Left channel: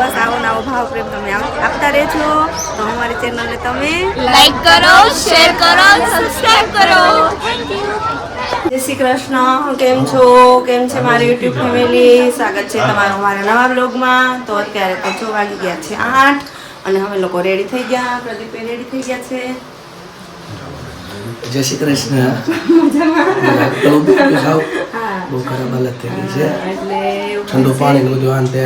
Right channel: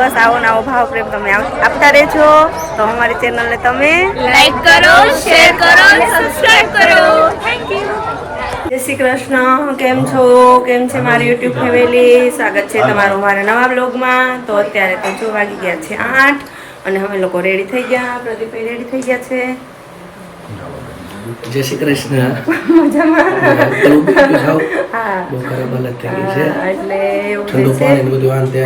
બસ આવો ને આવો ભાવ પ્રેમ તમે આપતા રહેજો. તો અમારી ચેનલને તમે લાઈક કરો, શેર કરો, સબસ્ક્રાઇબ કરો. જય શ્રી કૃષ્ણ. કેમ છો? કેમ છે મારી યુટ્યુબ ફેમિલી? સ્વાગત છે તમારું મારા નવા બ્લોગમાં. તો અત્યારે તો જો વાગી ગયા છે 8 અને અમે લોકો રેડી થઈ ગયા. પ્રદીપ રેડી થઈ ગયા છે. જય શ્રી કૃષ્ણ. ઠંડુ પાણી બધું આંતે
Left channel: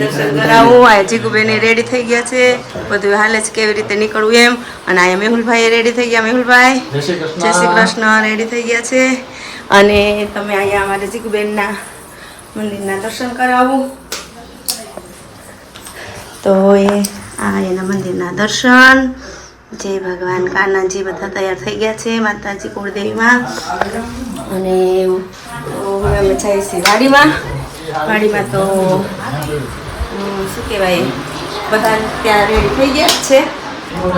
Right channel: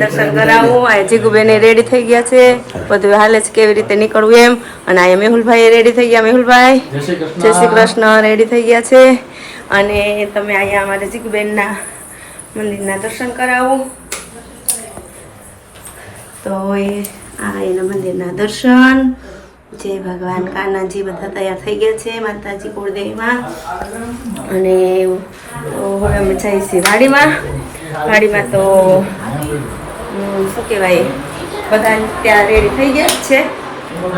દર્શન કરાવું. આ જીગુબેન રેડી થઈ ગયા છે. બધું હાલે છે કેવી રીતે નીકળવું એમ. અને આ મેહુલભાઈ રેડી થઈ ગયા. મેહુલભાઈ જય શ્રી કૃષ્ણ રેડી થઈ ગયા છે. અને તમે અહીંયા અમારે જીગુબેનના મંદિરના દર્શન કરાવું. તો આ એના મંદિરના દર્શન. જય ભગવાન. કાનાજી બધા તૈયાર થઈ ગયા છે માતાજી કુળદેવીમાં. અને હવે અમે જઈએ છીએ વાડીમાં. વાડીમાં તો શું કહેવાય, બધા ત્યાં રેડી થઈ ગયા છે.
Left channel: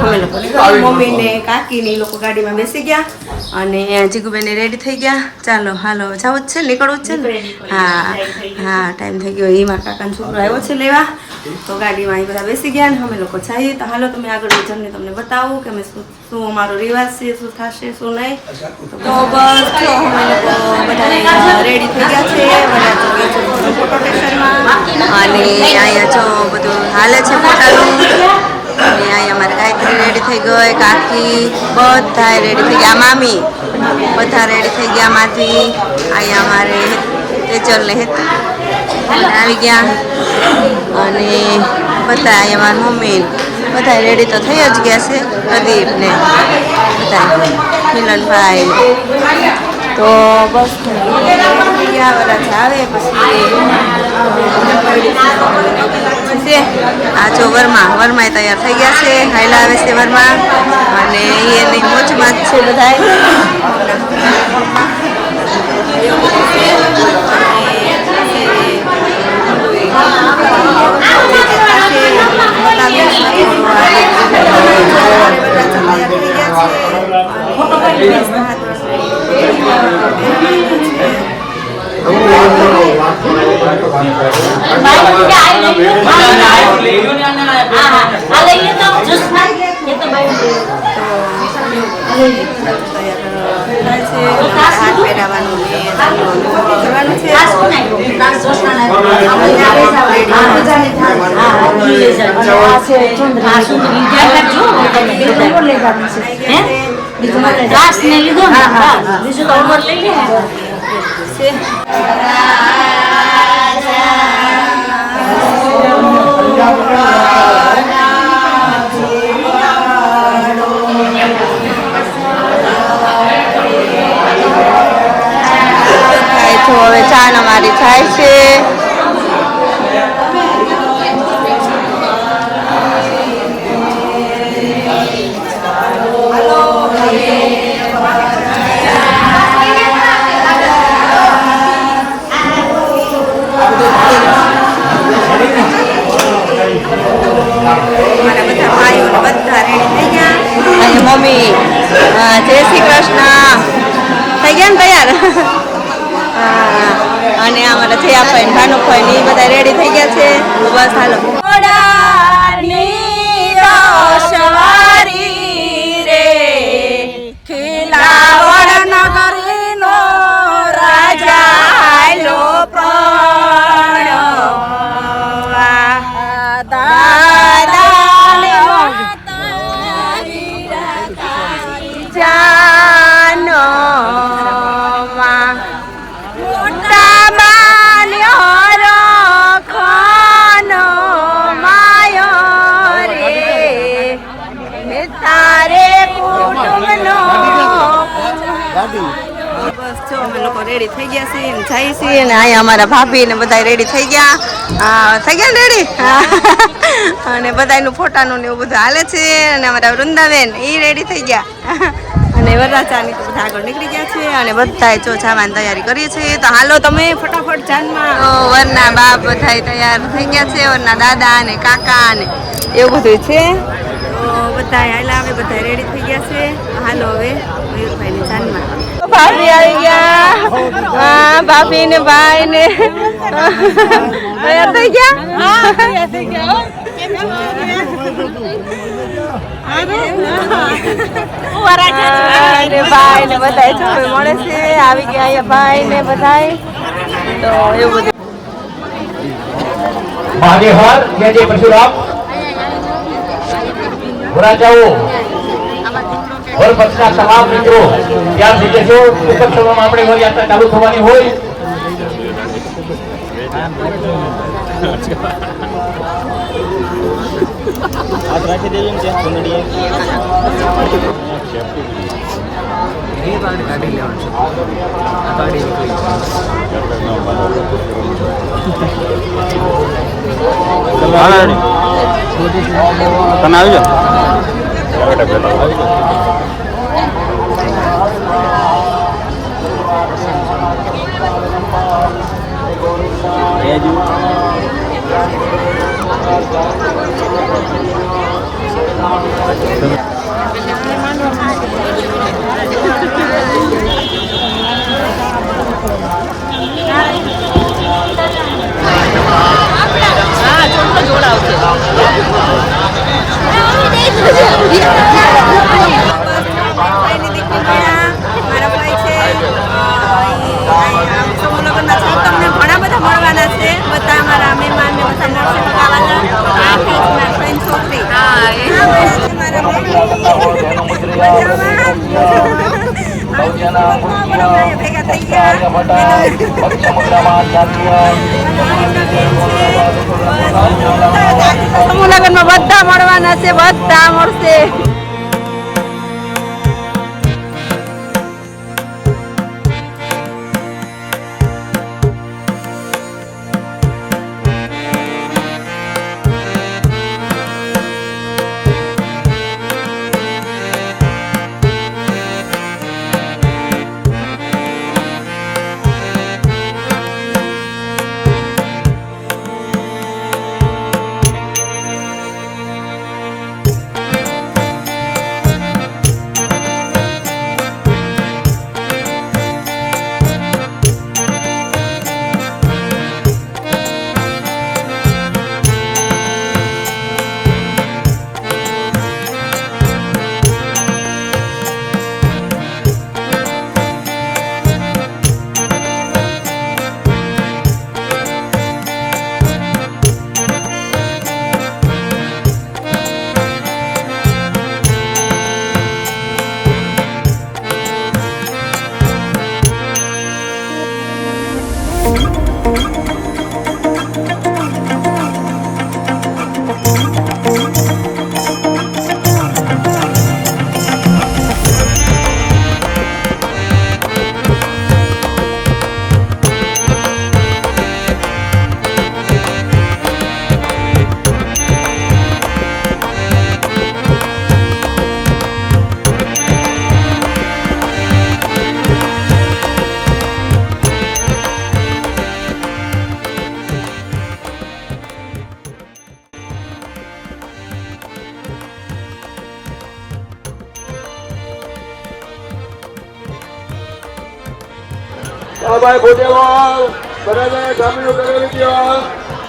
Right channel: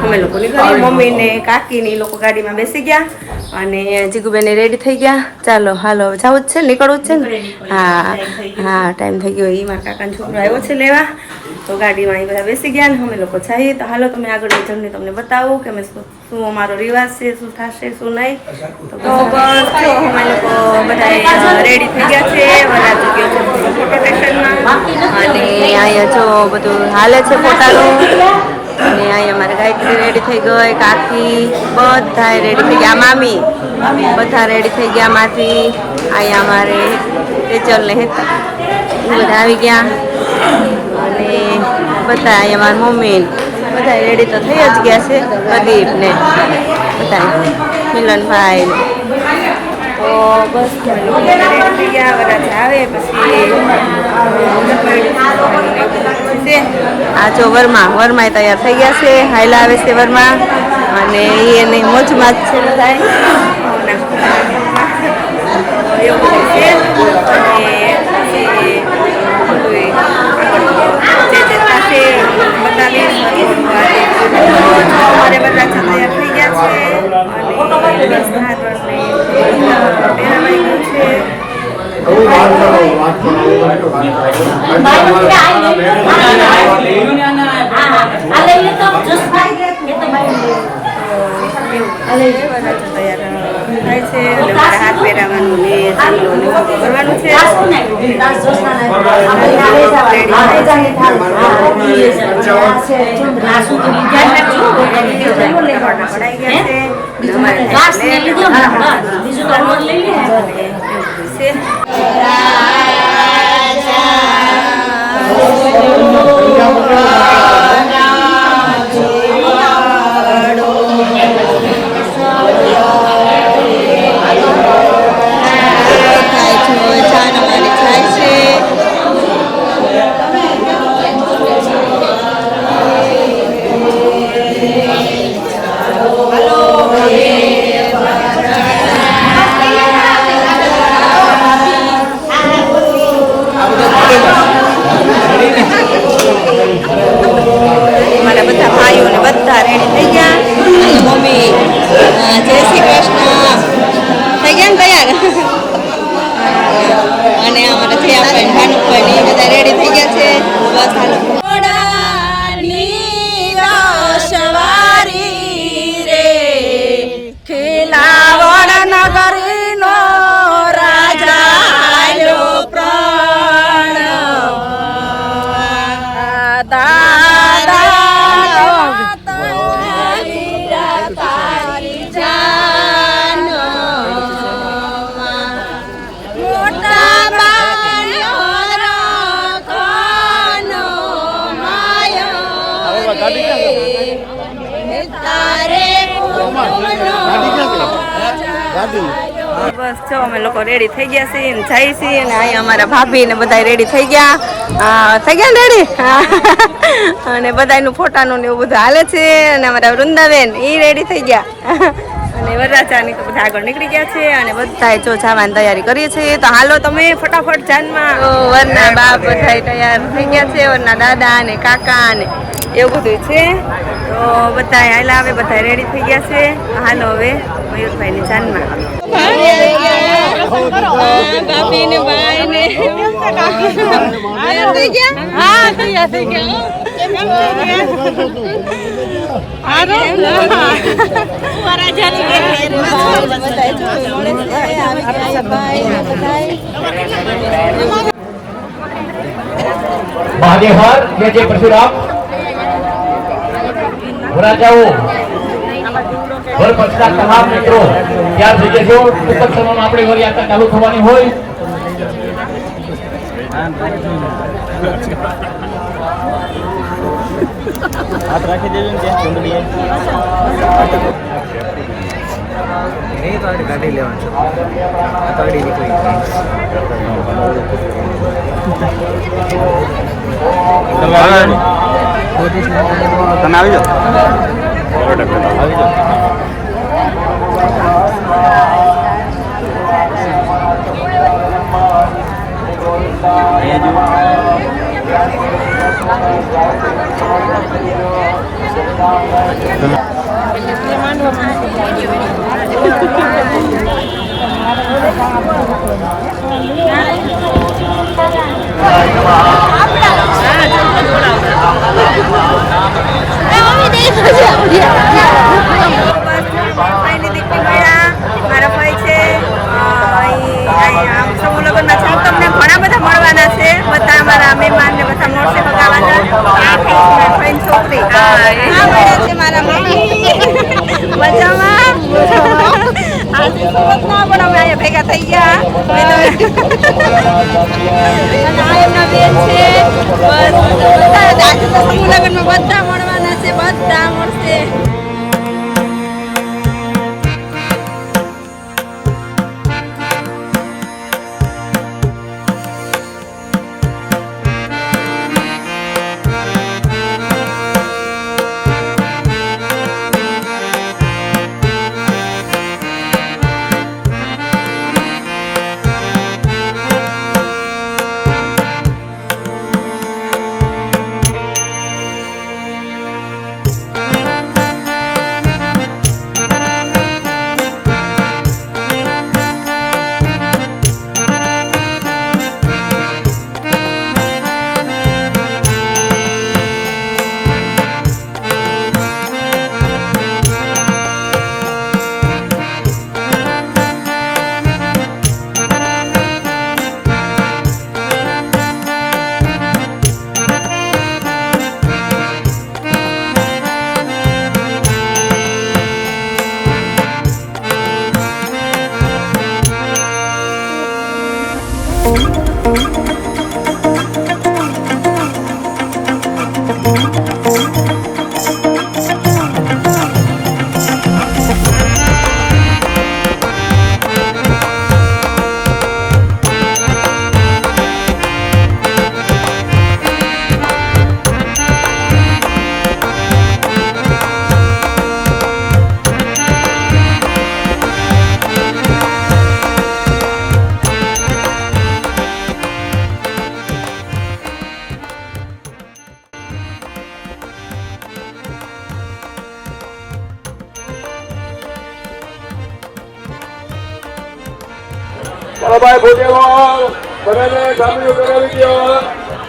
અમે લોકો નીકળ્યા, મમ્મી ને કાકી ને એ લોકો ગાડીમાં બેસી ગયા અને જીગુબેન રેડી થઈ ગયા. ચાલો હાલો જવું જ છે, નીકળવું જ છે ને. હા હા ટાઈમ થઈ ગયો. એમાં કાકાનો છોકરો આવ્યો છે લેવા. તો ગાડીમાં એ બધા બેસી ગયા ને અમે લોકો જઈએ. તો હાલો તમે આગળ જર્ની તમને બતાવું કે અમે શું અમારો રિવાજ છે, શું થશે શું નહીં. તો બસ જો અમે લોકો બધા રેડી થઈ ગયા છે. વરાજી ગયો છે થોડો ફોટો સ્ટેશનમાં. અને અહીંયા જો બધું હાલે છે ફોટાનું. અને અહીંયા અમારે ગાયત્રી રેડી થઈ ગઈ, કાકી બધા રેડી થઈ ગયા, મામી બધા રેડી થઈ ગયા માંથી. અહીંયા અમારે તેજલ ને હેતા બધા આવી ગયા. અને બધા અહીંયા મારી મમ્મી બધા રેડી તો થઈ જ ગયા છે. પ્રદીપ ને બધા મિલનભાઈ ને. તો બસ રેડી થઈ ગયા. વરાજા આવે પછી આ જો વર્મા તૈયાર થઈ ગયા છે. હાયલા આવે છે વર્મા. અને એની મોજમાં જ છે બધા એવું છે. જે થશે બતાવીશ. અમારે વરરાજા તૈયાર થઈ ગયા છે. હાથ પહેરાવાનું ને કરવાનું છે. હવે ચાન અમારી થાય છે. મારા બધા ભાઈઓને બધા રેડી થઈ ગયા. અને મમ્મી જય શ્રી કૃષ્ણ થઈ ગયા ને તૈયાર. અને અમારા જયાભાઈ ને ભાનુભાઈ ને એ બધા રેડી થઈ ગયા છે. બસ હાલો રે ખીલાવડ નગરી નો રાજા બસ જો અમે લોકો રેડી થઈ ગયા છીએ ને જઈએ છીએ. ને અહીંયા અમારા ભાભી ને બધા રેડી થઈ ગયા. થઈ ગયા ને રેડી. અને બધાનું ફોટાનું ને એવું બધું હાલે છે. અને અમારા વૃંદાબેન એ રેડી થઈ ગયા. અને વરરાજાની તો બધા આગળ નીકળી ગયા છે. અને બધા જો જવાની તૈયારી કરીએ છીએ. તો હાલો તમે ફટાફટ જાનમાં. વરના બાપ બધા તૈયાર થઈ ગયા છે. વરના દાદા ને કાકા ને એવું બધું છે. તો બધા હાલા હવે બધા રેડી થઈ ગયા છે. હાલો હવે મયુરભાઈની જાનમાં. ભાભી આવી ગયા. હા ભાભી ને ભાઈ ને તૈયાર થઈ ગયા. હા તૈયાર થઈ ગયા. મહાદેવર જે જે પરશુરામ ભરાજાઓ હર પક્ષના તમામ મિત્રો ત્યાં થઈ જશો. ટૂંક સમયમાં આપણી નવી યાત્રા ચાલુ થવાની હોય. ગાડી લેવાનું છે ગાડી નીકળી આવી મારા ભાઈ છે સમૂહ લગ્નમાં છે. તમને ઘણા બધા મળવાના છે. બધા અમારા મહેમાન ને બધા મળશે ભગાવાના. ફ્રેન્ડ છોકરી છે મારા મજામાં પણ અમે અહીંયા ભેગા થઈ ગયા. સમૂહ લગ્નમાં બધા મળવાના છે. બધા મળશે.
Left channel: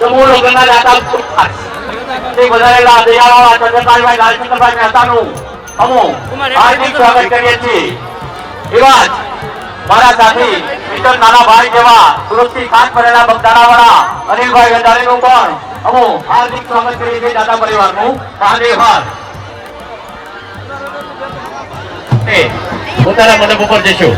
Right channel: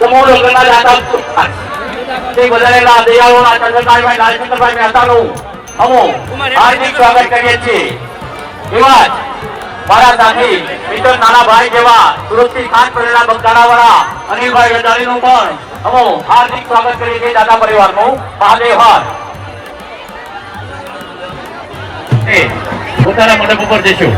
સમૂહ લગ્નના દાતા બધાયેલા દયાળુ ચંદ્રકાંતભાઈ લાલચંદ્રભાઈ મહેતાનું અમો હાર્દિક સ્વાગત કરીએ છીએ. એવા જ મારા સાથી મિત્ર નાના ભાઈ જેવા સુરતથી પાસ કરેલા બગદાણાવાળા અનિલભાઈ ગંજાણીનું પણ અમો હાર્દિક સ્વાગત કરીએ છીએ. દાદા પરિવારનું મહાદેવર પોતાના મંડપ ઉપર જઈશું.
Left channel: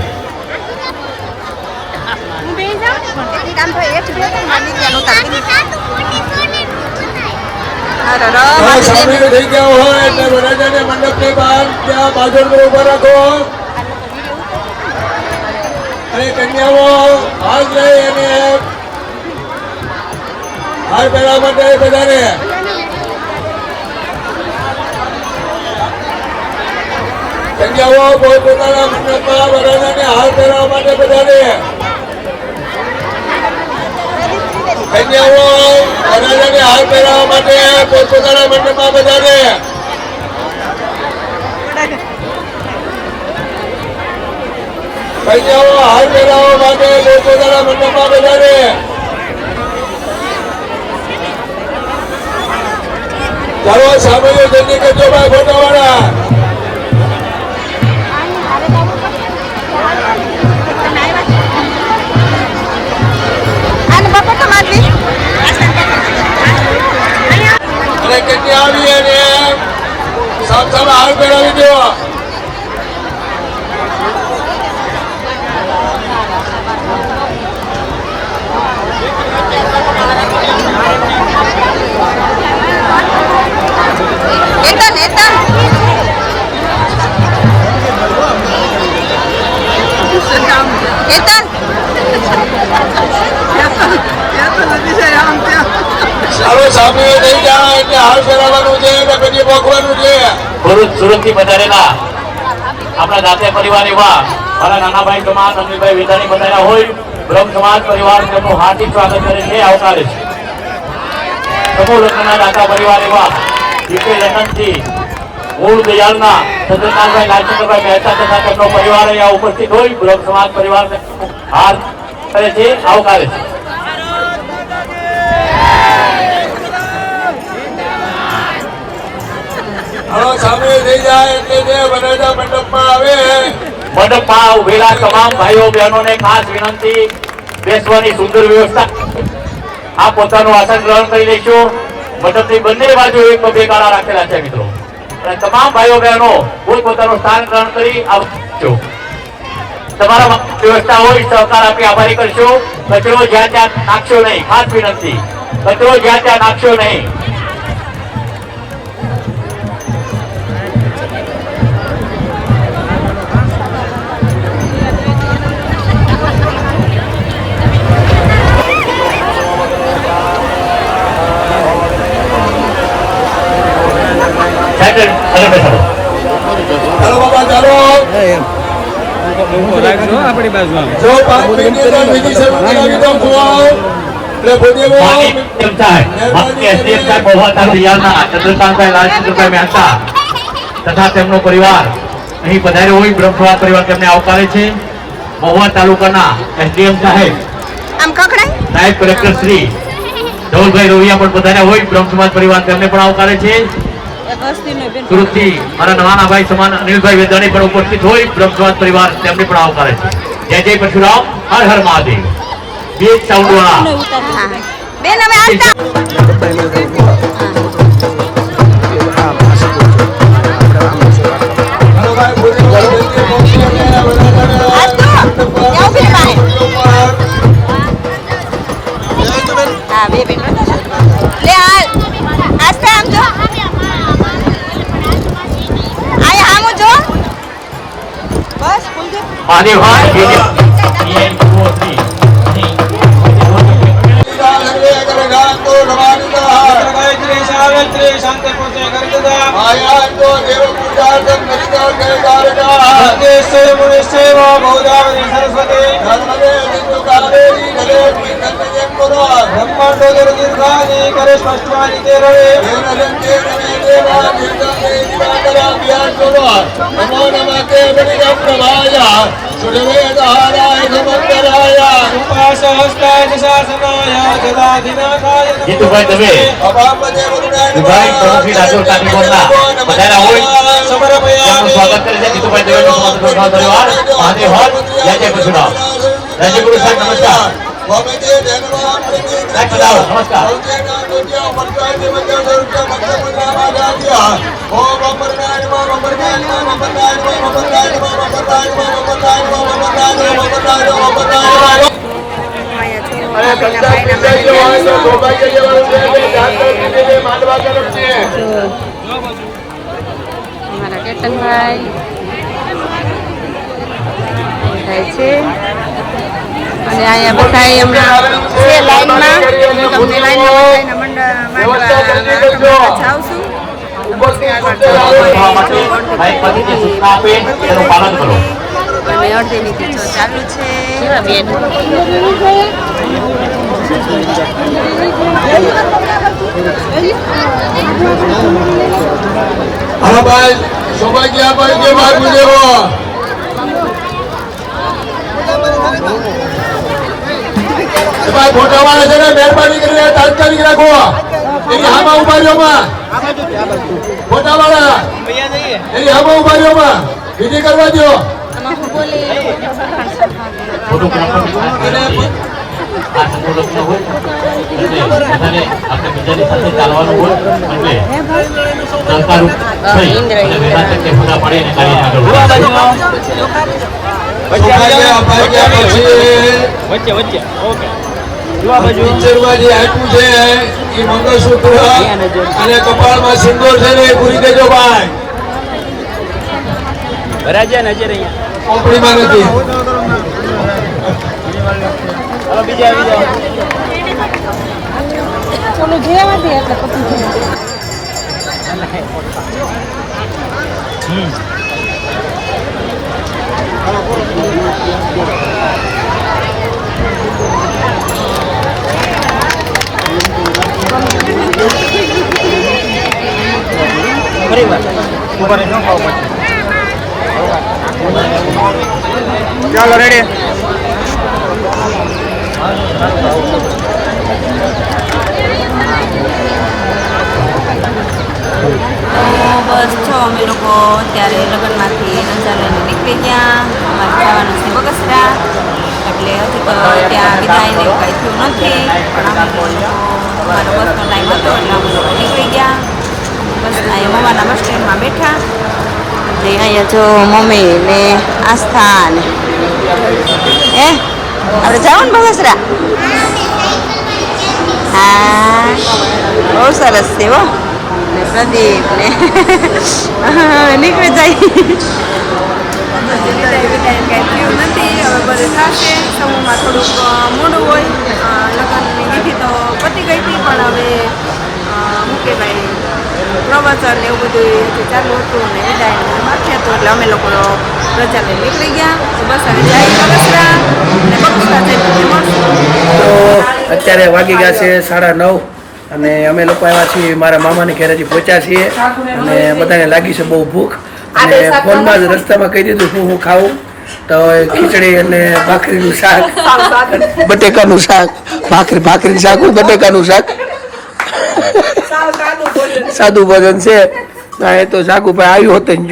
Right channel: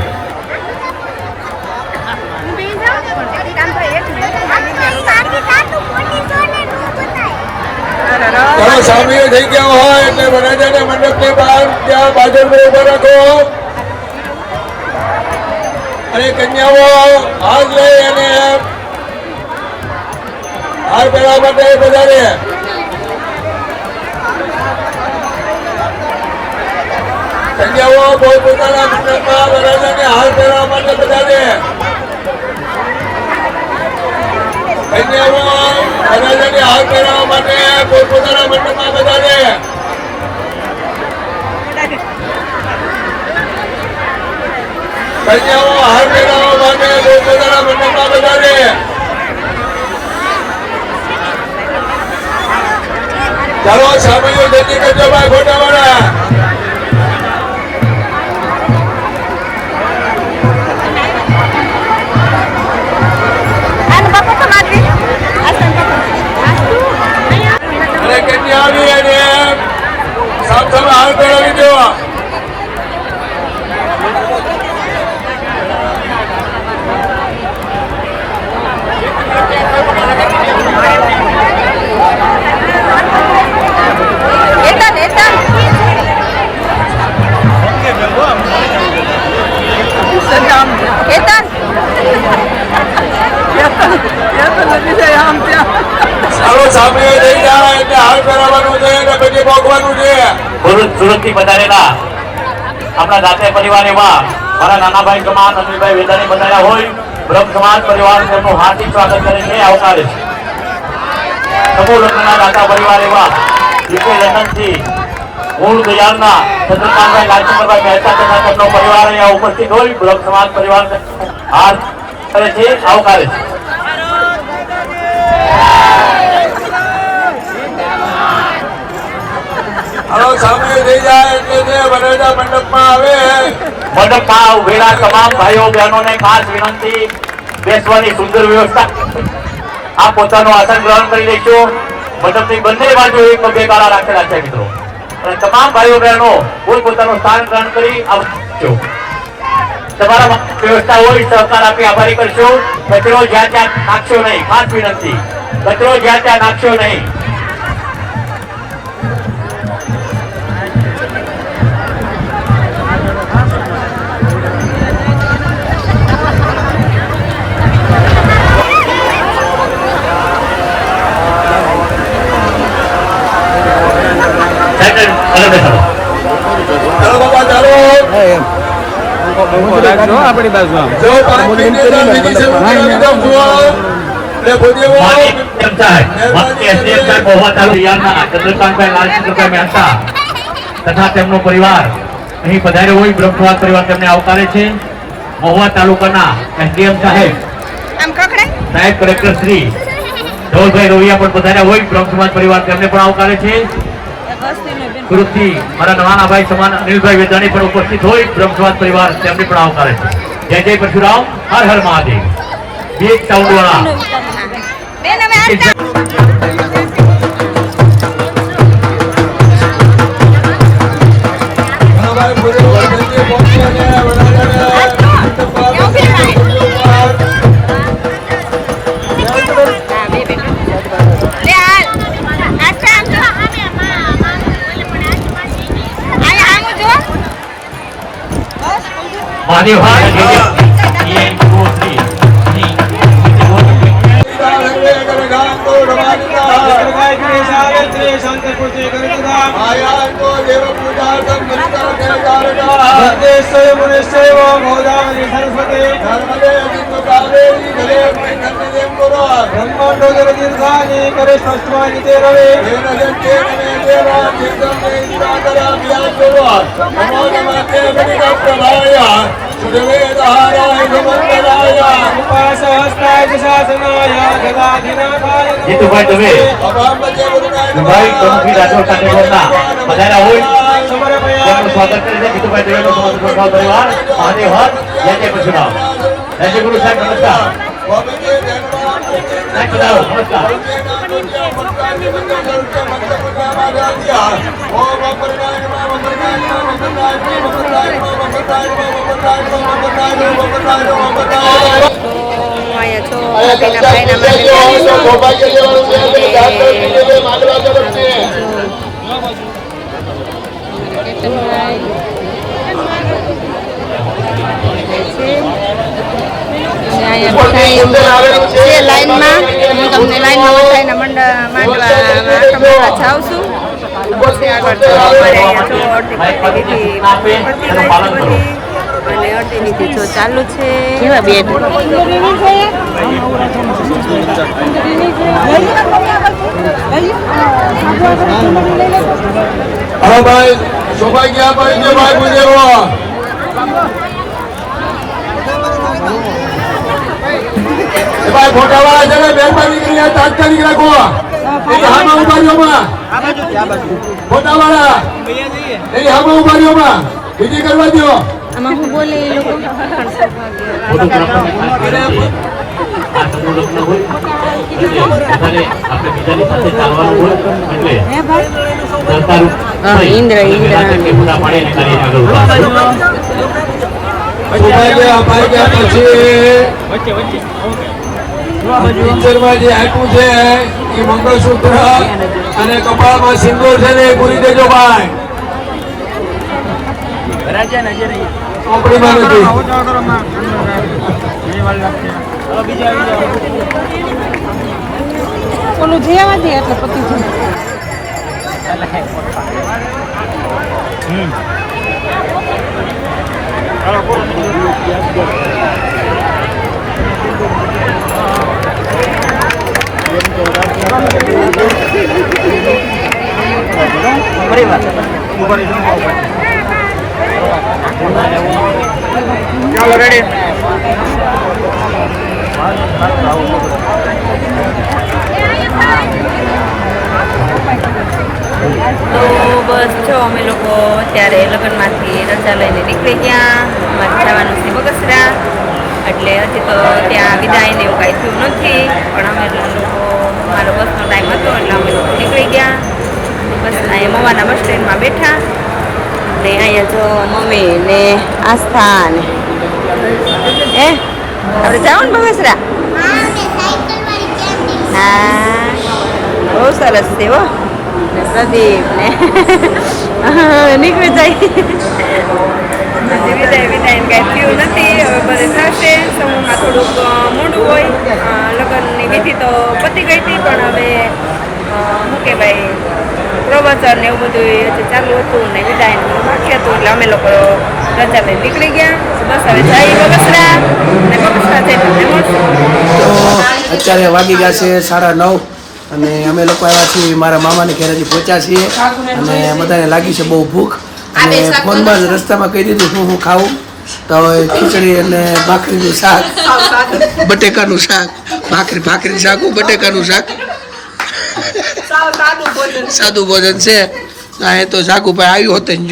સામીઓ થઈ ગયા હોય એટલે વરરાજાને મંડપની બહાર ત્યાં બાજુ ઉભો રાખો અને કન્યાઓ હાથ લઈ અને હાર પહેરવા માટે વધારે કન્યાઓ પોતપોતાના મંડપમાં વરરાજાને હાર પહેરવા માટે વધારે કન્યાઓ વરરાજાને હાર પહેરવા માટે પોતપોતાના મંડપમાં વધારે કન્યાઓ હાર પહેરાવવા માટે પોતપોતાના મંડપમાં બધાને ચાલો સામે જલ્દી કરજો ભાઈ ફોટાવાળા. અને બાપા તો મારી આસન બાપા અને કન્યાઓની એને સામ સામે હાર પહેરાવી દેવા. એતન એતન એતન ચાલો સામે જઈ જાણા એટલે હાર પહેરાવવાનું છે અને પછી ભોગવાનું છે. સુરત થી પધારેલા આપણા દાતે પરિવારની મારા નાના ભાઈ સમાન અનિલભાઈ વેદાણી પધાર્યા હોય બ્રહ્મ સમાજ પરિવાર તેમનું હાર્દિક સ્વાગત કરે છે, આવકારે છે. સમૂહ લગ્નના દાતા પરિવાર એવા યુકે લંડનથી મૂળ દયાળના ચંદ્રકાંતભાઈ લાલચંદ્રભાઈ મહેતા તથા તેમનો પરિવાર અહીંયા ઉપસ્થિત હોય બ્રહ્મ સમાજ પરિવાર હાથ કરે છે, આવકારે છે. ચાલો સામે જઈ જાય એટલે જે વરરાજા મંડપમાં આવે. મંડપમાં ઉભેલા તમામ ભાઈઓ બહેનોને ખાસ વિનંતી, બેસવાની સુંદર વ્યવસ્થા. આ પોતાનું આસન ગ્રહણ કરી લેશો. મંડપની બંને બાજુ એક બે ગાળા રાખેલા છે મિત્રો, અને તમામ ભાઈઓ બહેનો પોતાનું સ્થાન ગ્રહણ કરી આવશો. તમારા વ્યવસ્થા હોય સહકાર આપી આભારી કરશો. કચરો જ્યાં ત્યાં નાખશો નહીં, ખાસ વિનંતી, કચરો જ્યાં ત્યાં નાખશો નહીં. ચાલો બાબા ચાલો. રાખજો આપણી બાજુ આમ જો 5 મિનિટ વિધિ શરૂ કરાવી દઉં છું. એટલે ભૂદેવો તથા તેમનો પરિવાર અહીં પધાર્યો હોય બ્રહ્મ સમાજ પરિવાર તેમને આવકારે છે. મહુવા તાલુકાના એસડીએમ સાહેબ નાયબ કલેક્ટર શ્રી ધવલભાઈ રવિયા પણ પધાર્યા હોય બ્રહ્મ સમાજ પરિવાર તેમને પણ આવકારે છે. સુરતથી મારા નાના ભાઈ સમાન અનિલભાઈ વેદાણી પણ ઉપસ્થિત હોય બ્રહ્મ સમાજ પરિવાર તેમને પણ આવકારે છે. જય જય પરશુરામ, હર હર મહાદેવ. બીજ સાઉન્ડવાળા મહાદેવ જીતુભાઈ દવે દુભાઈ પ્રમુખી રાજકોટ કાંઠીગોળના પધાર્યા હોય તેમનું સ્વાગત કરે છે. જીતુભાઈ દવેનો સમગ્ર પરિવાર મહાદેવ હર. જય જય પરશુરામ. રાજ્યગુરુ સાહેબ નમસ્કાર. સાહેબ પધારો, નમસ્કાર. લાઈનમાં તમને લાઈનમાં માંડવા જાઉં છું. અને અડધી વિધિ જો ચાલુ છે. હા ભાઈ સૌભાગ્ય ભાઈ જે ભાઈ પૂજ્યો ભાઈ ફોટાવાળા છે ને મહેરબાની કરીને તાત્કાલિક રાખો. એની હામાં ઉભા રહ્યો માં. ફોટાવાળા એની હામાં ઉભા રહ્યો માં. વિધિ કરવા દો. ફોટોગ્રાફરને ખાસ કરીને આ સમૂહ લગ્ન હોય એટલે બધાને આપણે બધાની સાથે ચાલવાનું હોય એટલે સરકાર થઈ અને વહેલા તકે ફોટા પાડીને કાર્ય આગળ વધારશું. સૌભાગ્ય અપાગ્યા પછી પિક્ચરમાં જે આપ્યું છે એ મંગળસૂત્ર અને કપાળમાં સિંદૂર છે ને પૂરી દેજો ભાઈ. ચોપડીમાં નથી. ચાલો રેડી. તો બસ જો અમે લોકો ત્યારે લગ્નમાંથી રજા લઈને નીકળી ગયા. અમારે જવાનું છે બગસરા, એટલે હજી તો ત્યાં વિદાય ને એવું કાંઈ થયું નથી, પણ અમે લોકો અમારો બસનો ટાઈમ હતો એટલે અમે લોકો નીકળી ગયા. બસ અહીંયા મવાના બસ સ્ટેન્ડમાં બેઠા ને અહીંયા જો મમ્મી ને આસ્થા ને આપણે જાઓ ને બગસરા. હા બહુ સરસ છે હો. ને પ્રદીપ ને નીકળી જાય. વિદાય કાંઈ થયું નથી. હવે બધે થશે. સમૂહમાં થોડુંક મોડું હોય. લગ્નની વિધિ તો પતી ગઈ હતી, પણ હવે શું કે ભાઈ પ્રવચન ને એવું બધું હજી ચાલુ હતું ને વિદાયનું બાકી હતું, એટલે અમે લોકો રજા લઈ નીકળી ગયા. તો બસ હવે જઈ બગસરા ને બગસરા જઈ તમને મળશું. તો અત્યારે વાગી ગયા છે 9:30 અને અમે લોકો આવ્યા છીએ મારા મામાની ઘરેથી પહોંચ્યા છીએ અને બધાને લાગી છે બહુ ભૂખ અને ફોનમાં જ રસ્તામાં કહી દીધું હું ખાવું. તો ખીચડી અને ભાખરીનું શાક, બટેકાનું શાક, ભાખરીનું શાક, બટેકાનું શાક, સાદું ભોજન છે. આ તો જાગુભાઈ આવ્યું હોતે જ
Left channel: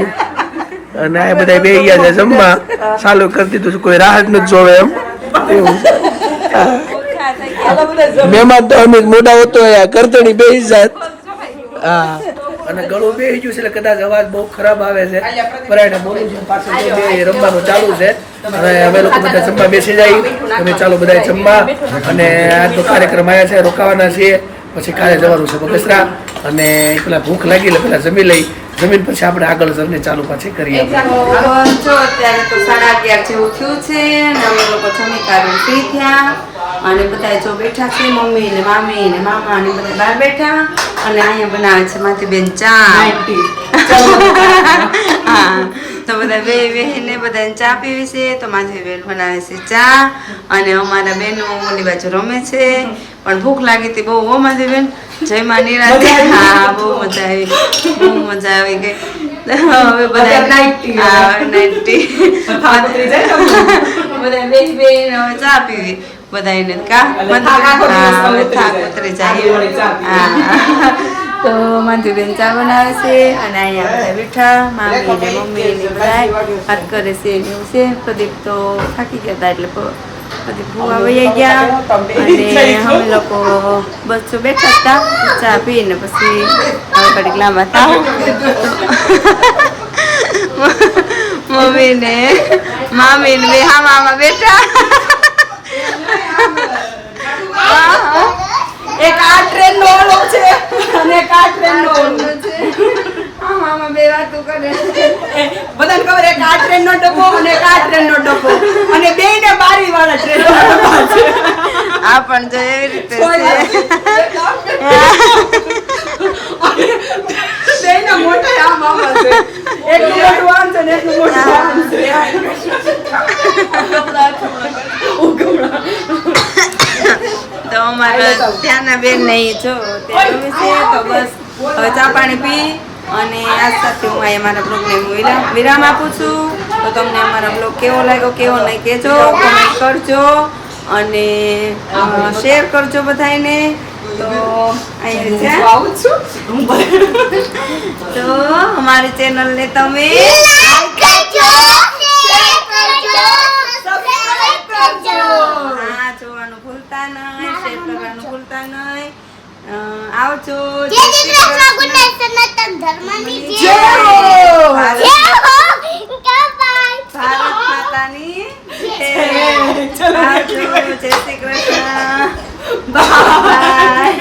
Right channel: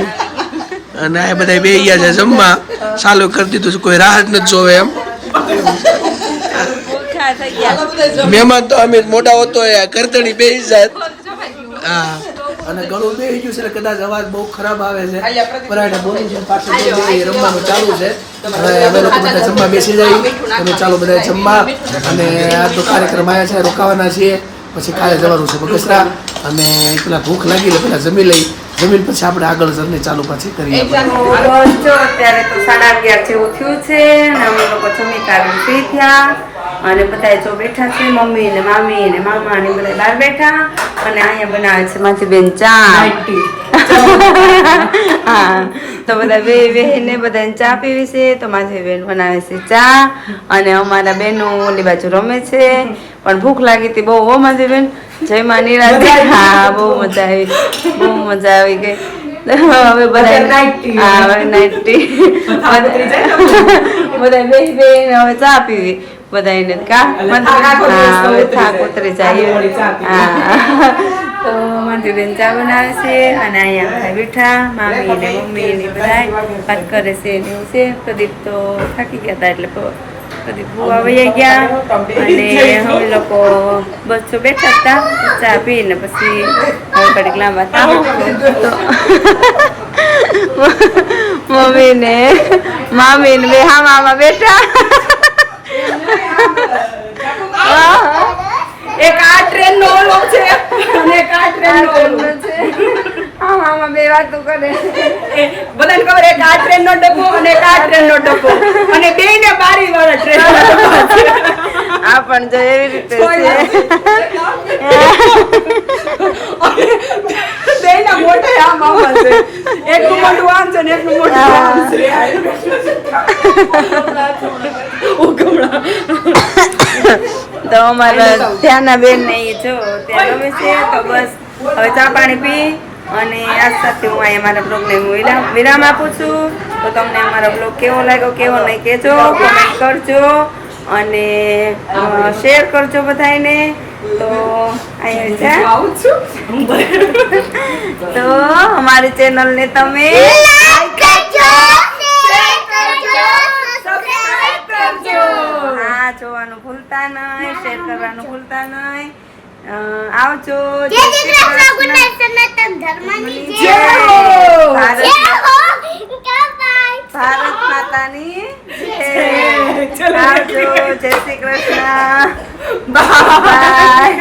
અને આ બધા બે ગયા છે જમવા. ચાલુ કરી દીધું છે, કોઈ રાહ જ નથી જોવે એમ. મહેમાન તો અમે મોટા હોતો કરતણી બેસી જાત. હા અને ગળું બેસી ગયું છે એટલે કદાચ અવાજ બહુ ખરાબ આવે છે. પરાયને બોલું છું પાછું બે રમવાનું ચાલુ છે. હવે અમે લોકો બધા જમવા બેસી જાય. તમે ચાલો બધા જમવા. અને આજનો કાર્યક્રમ આવ્યા છે, રોકાવાના છીએ. પછી કાલે જવાનું છે બગસરા અને પેલા ભૂખ લાગી એટલે પેલા જમી લઈ. જમીન પછી આપણે આગળ જર્ની ચાલુ પાછી કરીએ. જો અત્યારે તો 11:30 જેવું થયું છે અને અમે લોકો જમી કાઢી ફ્રી થયા અને બધા જો બેઠા છે. મમ્મી ને મામી ને મામા ને બધા બહાર બેઠા અને અહીંયા બનાવે છે માથી બેન ચા. હા તો બધા બેહીને બધાને ચા પીવી છે. તો માથી બેન બનાવે છે ચા અને અમારા બેનો ઓલી બાજુ રમે છે. પણ ભૂખ લાગી હતી બહુ હો માથી બેન. જય માં નિરાતે. હા બહુ મજા આવી, બહુ મજા આવી ગઈ. હવે બધા નાઇટી બધા બેસી હવે ચા પીવી બધાને કા. હા હવે થાક ઉતરી જાય. હા તો માધુબેન ચા બનાવે છે અને અહીંયા બધા બેઠા મામી ને મમ્મી ને બધા વાત કરે છે ને એવું છે. પ્રદીપ તો થાકી ગયા હતા એટલે પ્રદીપ ભૂવા વહી ગયા અને અમે લોકો બસ બેઠા હતા ચા પીને પછી હવે કડીક લાંબા થાવ તો મમ્મી ને મામી ને બે હામાં બેઠા. એક આ ટ્રેન નો ઓલો છે અને એક આ ટ્રેન નો ઓલો છે. આમાં બે વાતો કરે. બધાને ખબર એક આ ટ્રેન નો ડબ્બો અને એક આ ટ્રેન નો ડબ્બો અને બે ને બારી વાળા ટ્રેન ના ડબ્બા છે. આ પણ જો એવી રીતે છે. બેના મોટા આમ આવે છે. એક મોટું આમ છે ને એક મોટું આમ છે. તો અમારા ત્યાંના બેન ને જો ત્યાં ગમે છે. તો બસ હવે ચા પાણી પી અને આજ સાથે હું અહીંયા મારા બ્લોગને વિરામ આપું છું. તો તમને અમારો બ્લોગ કેવો લાગ્યો કેવો નહીં કહેજો, કોમેન્ટ કરજો અને શેર કરજો બધાને. તો અહીંયા તો અમારી ચેનલને તમે હા જોવાનું ભૂલતા નહીં, શેર કરવાનું ભૂલતા નહીં. આવજો. જય શ્રી કૃષ્ણ. ભારત માતાની જય. આવજો. જય શ્રી કૃષ્ણ. બાય.